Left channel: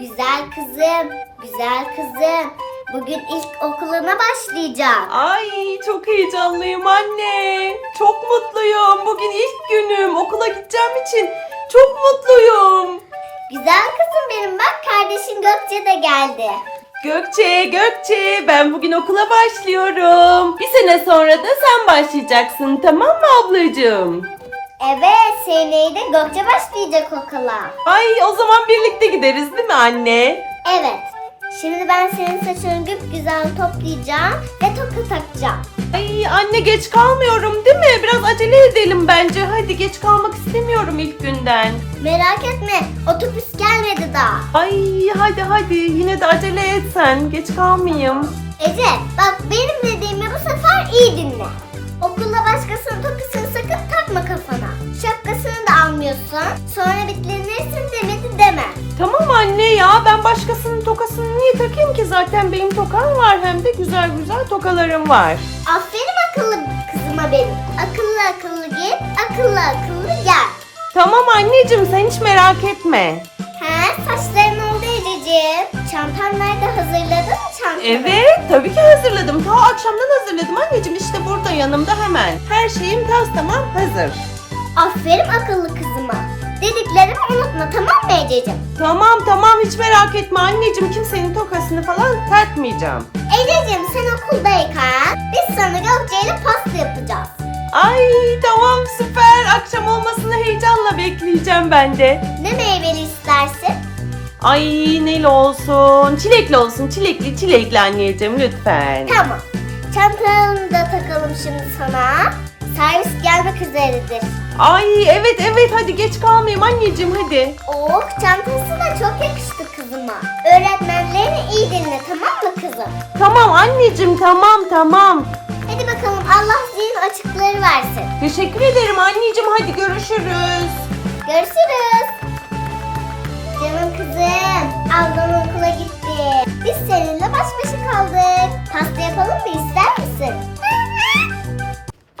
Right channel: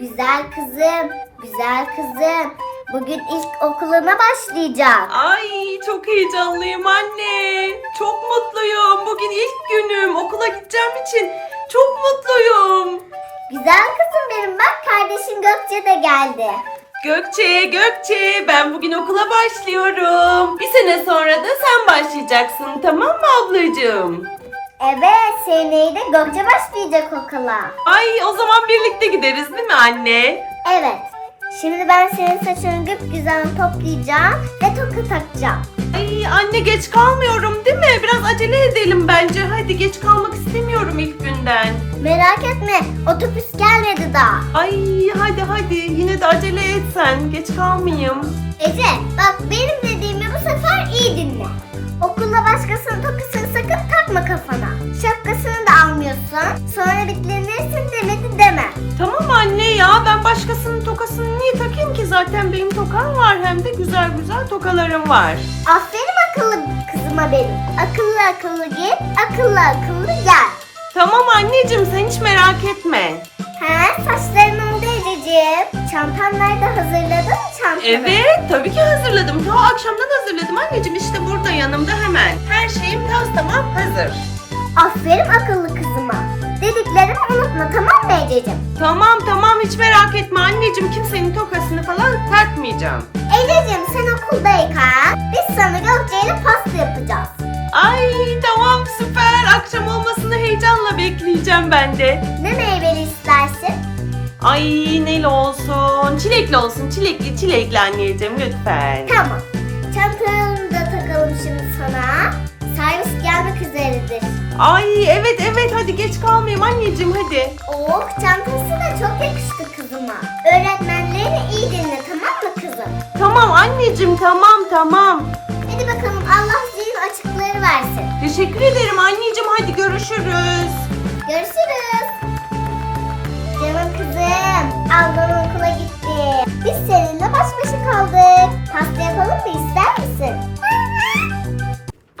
Güzel kızım, güzel kızım. Bugün ilk okuluna başlayacak. Ay çok heyecanlıyım anne. Çok mutluyum. Bugün ilk günüm. Okula gideceğim için çok mutluyum. Güzel kızım benim bak kardeşin Gökçe de geldi. Gökçe, Gökçe ben bugün okula başlıyorum. Bir sene sonra da sen başlayacaksın tamam mı ablacığım? Evet seneye de Gökçe başlayacak okula. Ay o zaman birlikte gideriz değil mi anne? Evet. Şimdi ben senin saçını güzel toplayacağım ve toka takacağım. Ay anne geç kalmıyorum değil mi? Biraz acele edelim bence. Hadi geç kalmak istemiyorum ilk günden. Merak etme otobüs gelmedi daha. Ay hadi hadi yine de acele et sen. Geç kalmayayım. Ece bak benim dediğimi bu sefer iyi dinle. Okulda başkasının tokasını takma kafana. Şapkasını da almıyorsun. Sonra bitlenirsin demedi deme. Tamam anne ya ben başkasının tokasını niye takayım ki? Zaten benim tokam var hem de güzel güzel tokalarım var. Aferin akıllı kızıma benim. Akıllı akıllı git, akıllı akıllı gel. Tamam anneciğim sen hiç merak etme. He saçların oldu Ececiğim. Çantan nerede hazırladın mı çantanı? Evet tabii ki hazırladım. Ha akşamdan hazırladım anneciğim işte burada yanımda hemen. Her şeyim tas tamam hazır. Aferin akıllı kızıma. Dediklerimi unutma tamam mı Ececiğim? Tamam tamam hiç merak etme anneciğim kimsenin tokasını falan takmayacağım. Ececiğim sen okuldayken biz sana Gökçe ile pasta yapacağız. Ay tamam süper akşam olmasını heyecanla bekleyeceğim ben de. Ne meyveli istersin? Ay neli olsun çilekli olsun çilekli çilekli anneciğim lütfen. Tamam. Çantanı da takalım şimdi sana. Servis gelmek üzeredir. Ay evet evet hadi geç kalmayayım anneciğim hadi. Oh çantası da çok yakıştı kızıma. Öğretmenlerini iyi dinle tamam mı kızım? Tamam anneciğim tamam tamam. Hadi bakalım Allah zihin açıkları versin. Teşekkür ederim anneciğim hadi görüşürüz. Görüşürüz. Canım kızım, ablam okula gitti. Biz seninle baş başa kaldık. Pasta yapalım mı ister?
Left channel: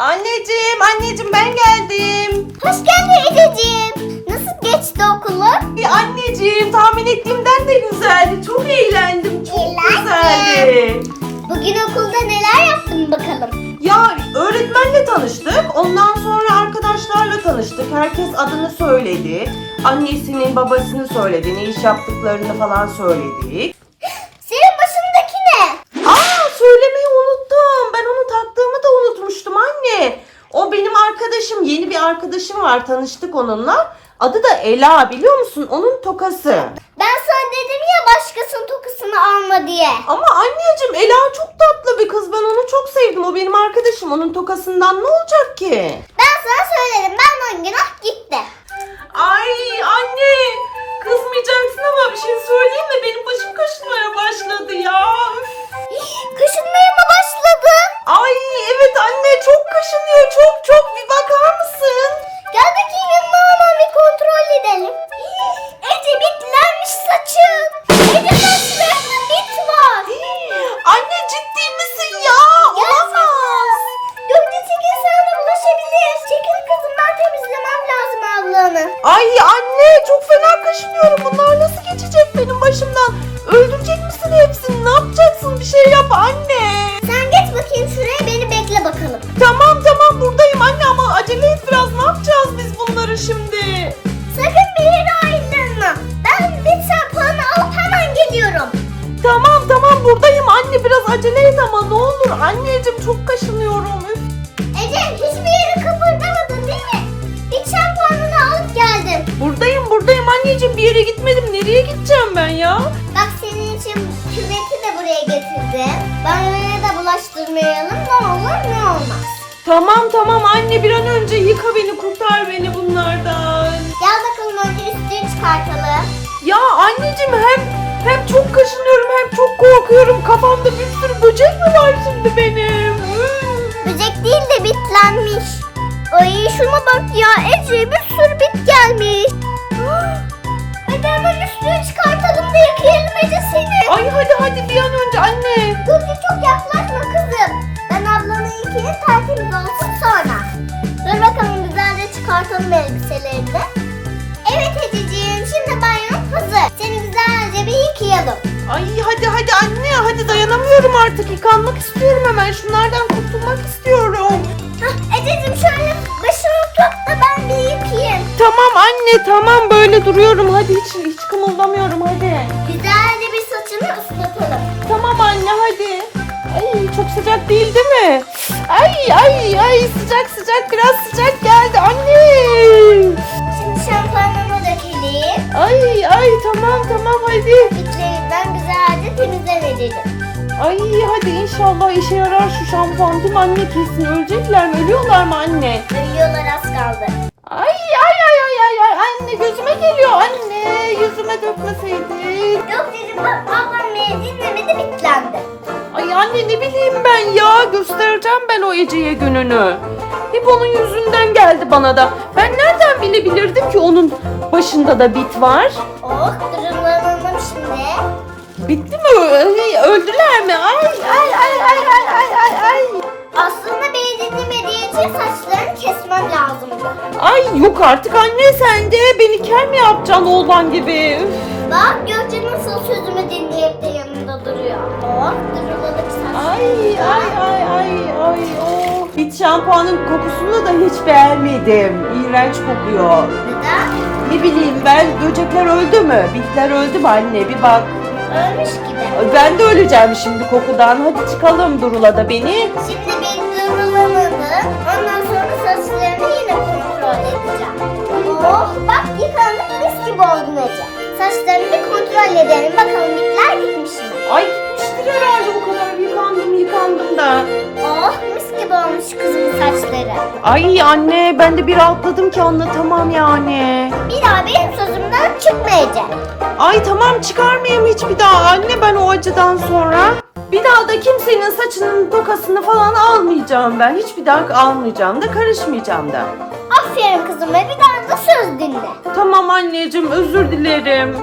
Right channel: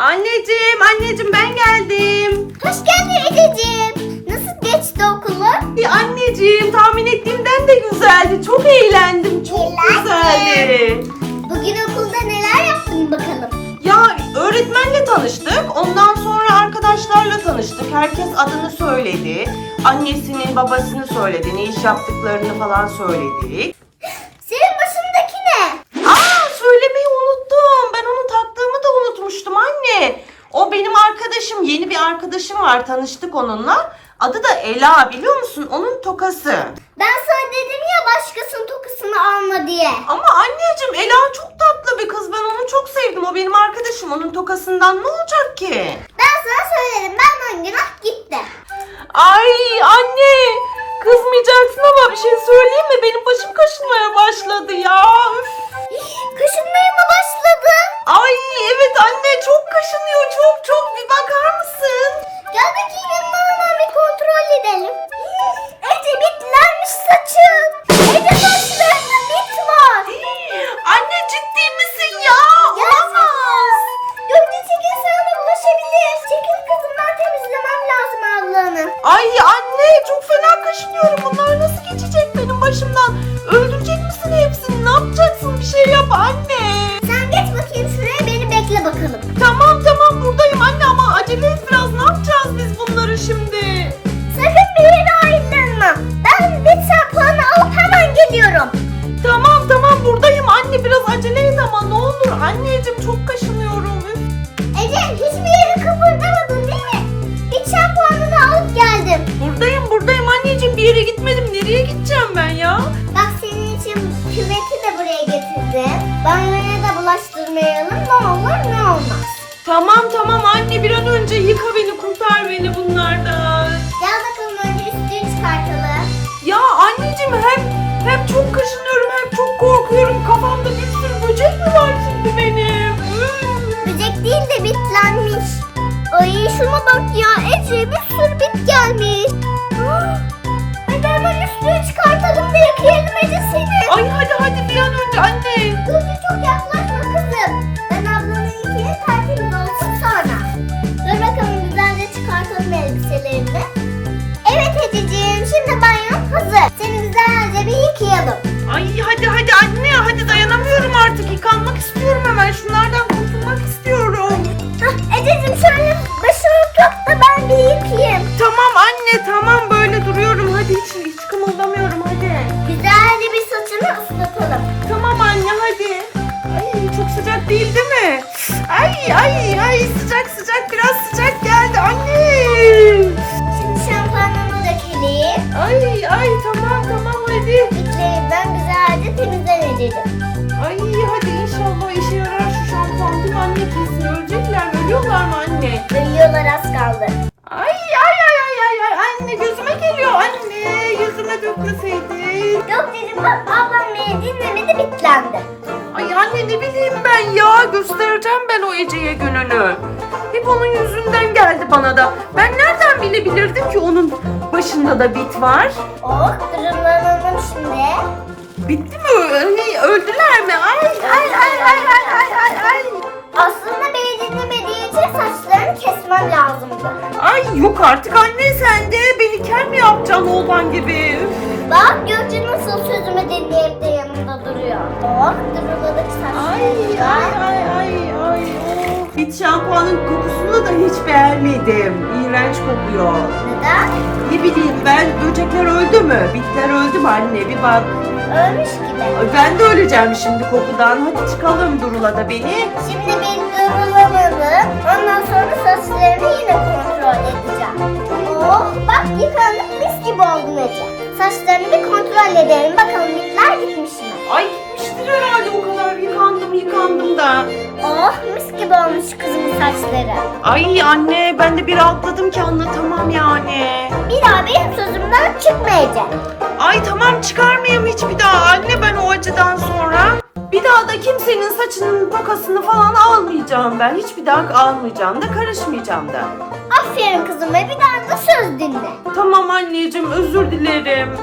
Anneciğim anneciğim ben geldim. Hoş geldin Ececiğim. Nasıl geçti okulun? Bir anneciğim tahmin ettiğimden de güzeldi. Çok eğlendim. Çok Eğlendin. güzeldi. Bugün okulda neler yaptın bakalım? Ya öğretmenle tanıştık. Ondan sonra arkadaşlarla tanıştık. Herkes adını söyledi. Annesinin, babasını söyledi. Ne iş yaptıklarını falan söyledi. Senin başındaki ne? Aa söylemeyi unuttum. Ben onu taktığımı da unutmuştum anne. O benim arkadaşım. Var. Tanıştık onunla. Adı da Ela biliyor musun? Onun tokası. Ben sana dedim ya başkasının tokusunu alma diye. Ama anneciğim Ela çok tatlı bir kız. Ben onu çok sevdim. O benim arkadaşım. Onun tokasından ne olacak ki? Ben sana söyledim ben on gün ah gitti. Ay anne. Kızmayacaksın ama bir şey söyleyeyim mi? Benim bir yere gitmedim. Nereye gideceğim ben ya? Bak senin için küveti de buraya getirdim. Banyoya da bulaştırmayalım ne olur ne olmaz. Tamam tamam anne bir an önce yıka beni kurtar beni bunlardan. Gel bakalım önce üstünü çıkartalım. Ya anneciğim hem hem çok kaşınıyorum hem çok korkuyorum. Kafamda bir sürü böcek mi var şimdi benim? Böcek değil de bitlenmiş. Ay şuna bak ya Ece bir sürü bit gelmiş. Delirmecesini. Ay hadi hadi bir an önce anne. Dur dur çok yaklaşma kızım. Ben ablanın ikili tatilimiz olsun sonra. Dur bakalım güzelce çıkartalım elbiselerini. Evet Ececiğim şimdi banyon hazır. Seni güzelce bir yıkayalım. Ay hadi hadi anne hadi dayanamıyorum artık yıkanmak istiyorum. Ay ay sıcak sıcak biraz sıcak geldi anne. Şimdi şampuanını dökelim. Ay ay tamam tamam hadi. İçlerinden güzelce temizlenelim. Ay hadi inşallah işe yarar şu şampuan değil mi anne kesin ölecekler mi? Ölüyorlar mı anne? Ölüyorlar az kaldı. Ay ay ay ay ay ay anne gözüme geliyor anne yüzüme dökmeseydin. Yok dedim ablam beni dinlemedi göstereceğim ben o Ece'ye gününü. Hep onun yüzünden geldi bana da. Ben nereden bilebilirdim ki onun başında da bit var? Oh durumlanalım şimdi. Bitti mi? Ay, öldüler mi? Ay ay ay ay ay ay ay ay. Aslında beni dinlemediği için saçlarını kesmem lazımdı. Ay yok artık anne sen de beni kel mi yapacaksın oğlan gibi? Üf. Bak Gökçe nasıl sözümü dinleyip de yanımda duruyor. Oh duruladık Ay saçlarımızda. ay ay ay ay. oh. Bit şampuanın kokusunu da hiç beğenmedim. İğrenç kokuyor. Neden? Ne bileyim ben böcekler öldü mü? Bitler öldü mü anne bir bak. Ölmüş gibi. Ben de öleceğim şimdi kokudan. Hadi çıkalım Durula da beni. Şimdi bir durulamadı. Ondan sonra saçlarını yine kontrol edeceğim. Oh bak yıkandık mis gibi oldun Ece. Saçlarını kontrol edelim. Bakalım bitler gitmiş mi? Ay gitmiştir herhalde o kadar yıkandım yıkandım da. Oh mis gibi olmuş kızımın saçları. Ay anne ben de bir rahatladım ki anlatamam yani. Bir daha benim sözümden çıkmayacak. Ay tamam çıkarmayayım hiç bir daha anne ben o acıdan sonra. Bir daha da kimsenin saçının kokasını falan almayacağım ben. Hiçbir daha almayacağım da karışmayacağım da. Aferin kızıma bir daha söz dinle. Tamam anneciğim özür dilerim.